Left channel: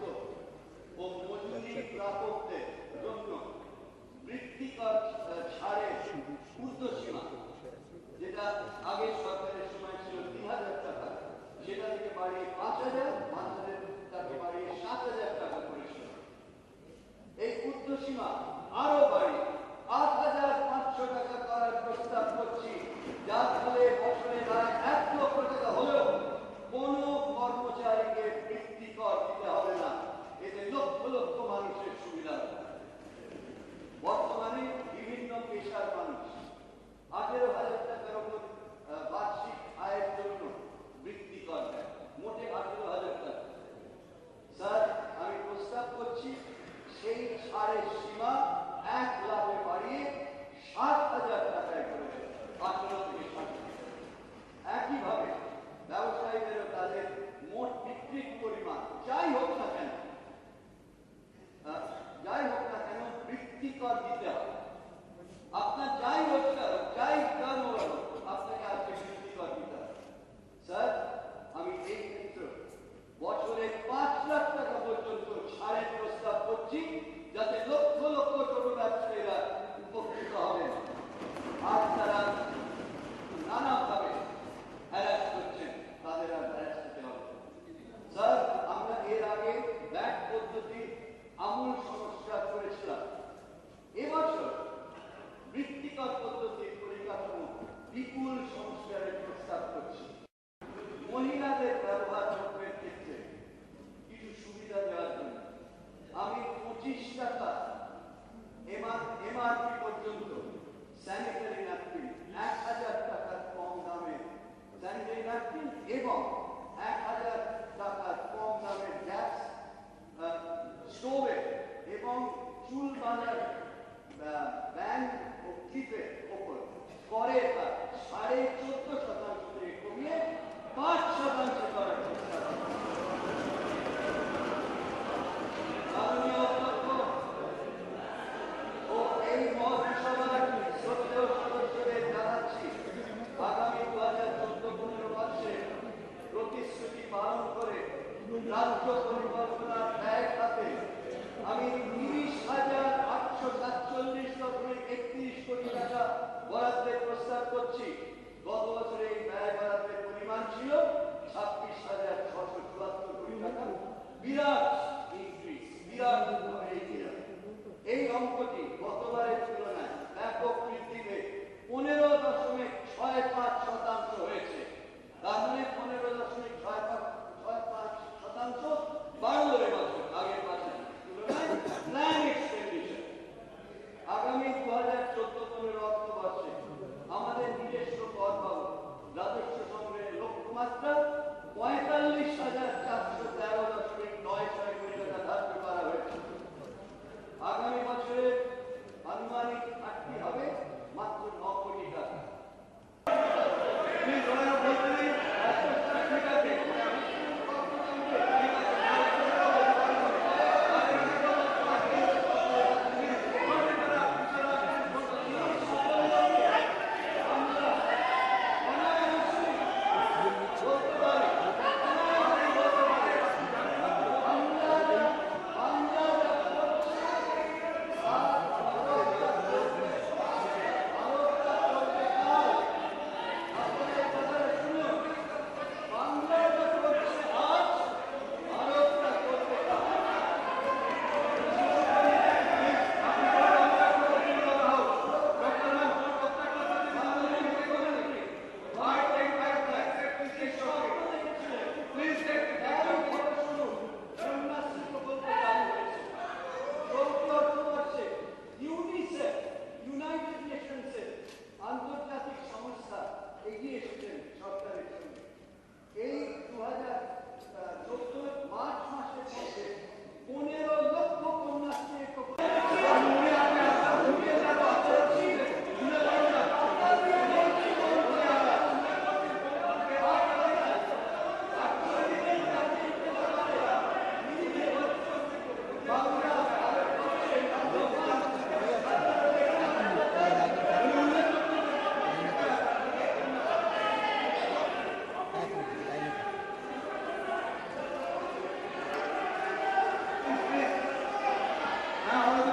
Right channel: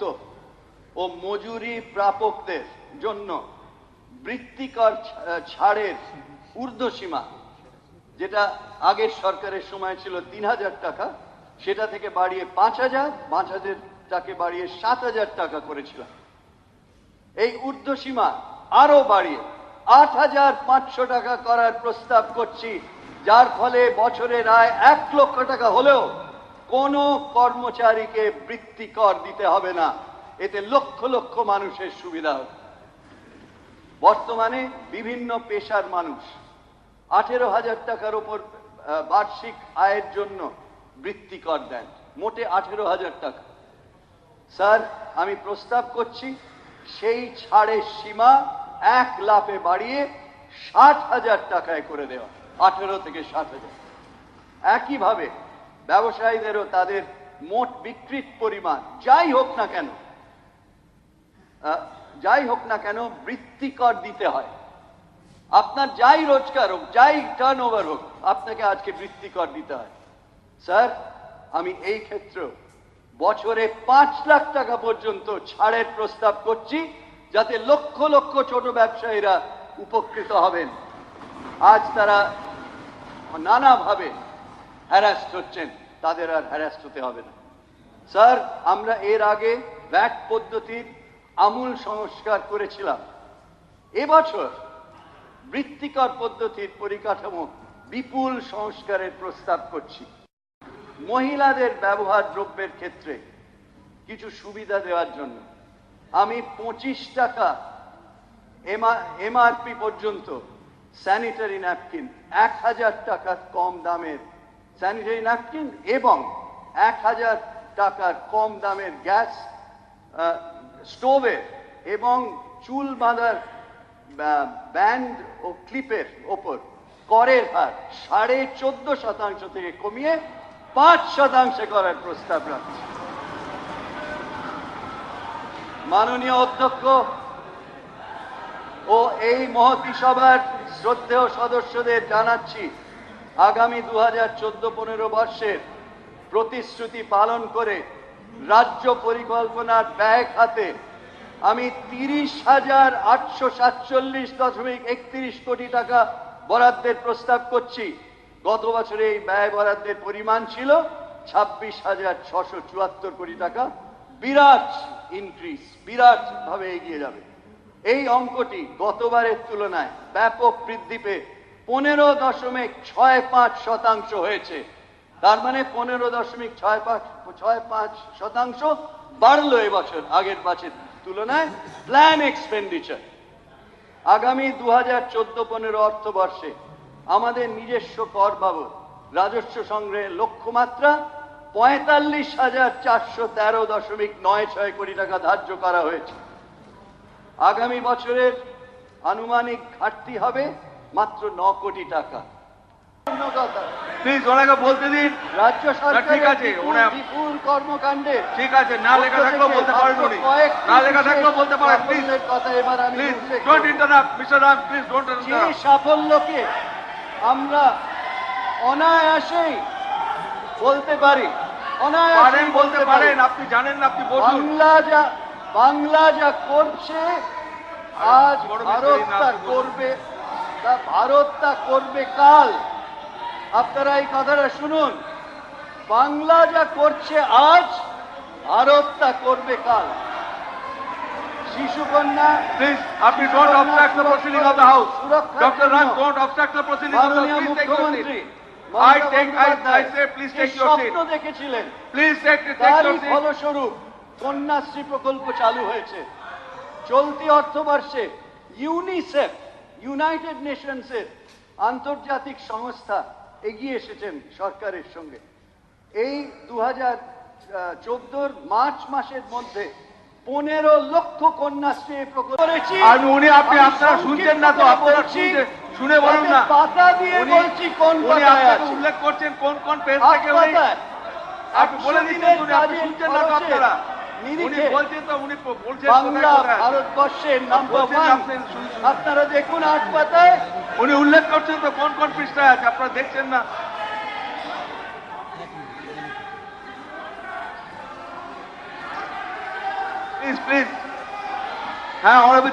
যুক্ত ও মজুরি প্রাপকদের জন্য বৃত্তিকর ছাড়ের ঊর্ধ্বসীমা, যেটা আগের সরকারের সময় ছিল ৩,০০০ টাকা, সেটা থেকে বাড়িয়ে ৫,০০০ টাকা বাড়িয়ে ৭,০০০ টাকা করেছিলাম। এই ঊর্ধ্বসীমা আরো বাড়িয়ে ৮,৫০০ টাকা করার প্রস্তাব করছি, যার ফলে বছরের আয় ১ লক্ষ টাকা হলেও কোনো কর্মচারীকে বৃত্তিকর দিতে হবে না। এতে লক্ষ লক্ষ মানুষের সুবিধা হবে। বর্তমানে বিভিন্ন পেশার মানুষ ১৮,০০০ টাকার উপর বার্ষিক আয়ের জন্য বৃত্তিকর দেন, মোটে ১৮,০০০ টাকা। স্যার, আমি প্রস্তাব করছি সেই ছাড়ের সীমা ১ লাফে বাড়িয়ে ৬০,০০০ টাকায় করে দেওয়া, ১৮ থেকে ৬০,০০০। একইভাবে ব্যবসায়ীদেরও তাদের মোট বিক্রির পরিমাণ যাই হোক না কেন বৃত্তিকর দিতে হয়। আপনার যাই রোজগার হোক, যাই টার্নওভার হোক, আপনাকে আজকে বৃত্তিকর দিতে হয়। স্যার, আমি এই ক্ষেত্রে বছরে ৫ লাখ টাকা পর্যন্ত ছাড়ের প্রস্তাব করছি, যাতে লক্ষ লক্ষ ছোট ব্যবসায়ীরা উপকৃত হবেন। আজ তারা নানাভাবে হ্যারাস্ট হচ্ছেন, তাদের আর হ্যারাস্ট হতে হবে না। স্যার, আমরা এর আগে ভ্যাট পদ্ধতির আমূল সংস্কার করেছিলাম। এবছর বৃত্তিকর পদ্ধতির পরিকাঠামো বিপুল সংস্কারের প্রস্তাব করছি। মহিলাদের ব্যবহার দ্রব্যের ক্ষেত্রে কিছু সুবিধা দেওয়ার জন্য আমি ২৫ টাকা এমআরপি পর্যন্ত স্যানিটারি ন্যাপকিন, ১,০০০ টাকার কম দামের স্যানিটারি ন্যাপকিন এবং ১,০০০ টাকার কম দামের গ্যাস স্টোভের এবং চুল বাঁধার ব্যান্ড ও ক্লিপের ওপর করের হার ১৪.৫% থেকে কমিয়ে ৫% করার প্রস্তাব রাখছি। মাননীয় অধ্যক্ষ ও এই মহতী সভার শ্রদ্ধেয় সদস্যদের জানাচ্ছি, আগামী ২০১৪-১৫ বর্ষের প্রতিশ্রুতি পালন করে রাজ্য পরিকল্পনার ব্যয় খাতে আমি ৩০,৮৪৭.৩১ কোটি টাকা বরাদ্দের প্রস্তাব করছি। গত বছরে এই ব্যয় বরাদ্দের পরিমাণ ছিল ২৬,৬৭৪ কোটি টাকা। বিরাট ইনক্রিজ, বিরাট ভাবে এগিয়ে যাবে। এই অঙ্কটি গতবারের তুলনায় ব্যাপক বৃদ্ধি পেয়ে 15.65% হয়েছে। তার মানে 15.65% বাড়লো এবছর আগের বছর তুলনায় প্ল্যান এক্সপেন্ডিচার। আগামী ২০১৪-১৫ অর্থবর্ষে আমাদের নিজস্ব কর বাবদ রাজস্ব সংগ্রহের লক্ষ্যমাত্রা ৪৫,৪১৩.৯৬ কোটি টাকা ধার্য করা হয়েছে। আগামী বছরের আনুমানিক ঘাটতি হবে মাত্র ৯ কোটি টাকা। প্লিজ ওনাকে বলতে দিন। রাজ্য সরকার ঠিক আছে, বিপুল কর্মকাণ্ডে ঠিক আছে, না লেখা থাকলেও বলতে পারেন উনি, না লেখা থাকলেও বলতে পারেন। প্লিজ কথা এবার আমি don't interrupt mister Raj, please don't যে ইন্টারাপ্ট। সাফল্যকে আমরা অনায়াসেই বলতে পারি, অনায়াসেই বলতে পারেন, আপনি জানেন না, আপনি বলুন। বাংলা যা করছে আজ ভারত তা করবে কাল। আপনারা এই কথাটা শুনুন, বাংলা যা করছে আজ ভারত তা করবে কাল। শিশুকন্যা, প্লিজ আপনি don't obstruct the proceeding of the house. Doctor Raj, don't obstruct the proceeding of the house. Please take your seat. I say please take your seat. স্বপ্ন দেখেছিলেন, Please take your seat. ফলস্বরূপ কন্যাশ্রী প্রকল্প চালু হয়েছে। চলতি অর্থবর্ষে ইউনিসেফ, ইউনাইটেড নেশনসের আন্তর্জাতিক সংস্থা এগিয়ে এসেছেন সরকারের সঙ্গে। এই ২০১৪ মার্চ মাসের মধ্যে ১৫ লক্ষ কন্যাশ্রী প্রকল্প করেছি। আর উনি আপনারা শুনছেন না তো, আপনারা শুনে বলুন না। পাতা দিয়ে বলছি কোন উনি আপনাকে উল্লেখ করছেন কোন কোন পেজ থেকে উনি আপনি বলে দিচ্ছেন, আপনি শুনছেন না তো আপনারা। উনি বলছেন তো, উনি বলছেন বাংলা ভারতবর্ষের নাম্বার 1। আপনারা দেখুন ৮ পাতায় উনি উল্লেখ করছেন তো কোন কোন পৃষ্ঠায় আছে, আপনারা দেখছেন না। Please, please. হ্যাঁ, honorable